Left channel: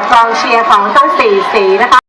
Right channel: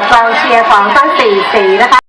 ดกองเชียร์ของทั้งสี่สีนะคะ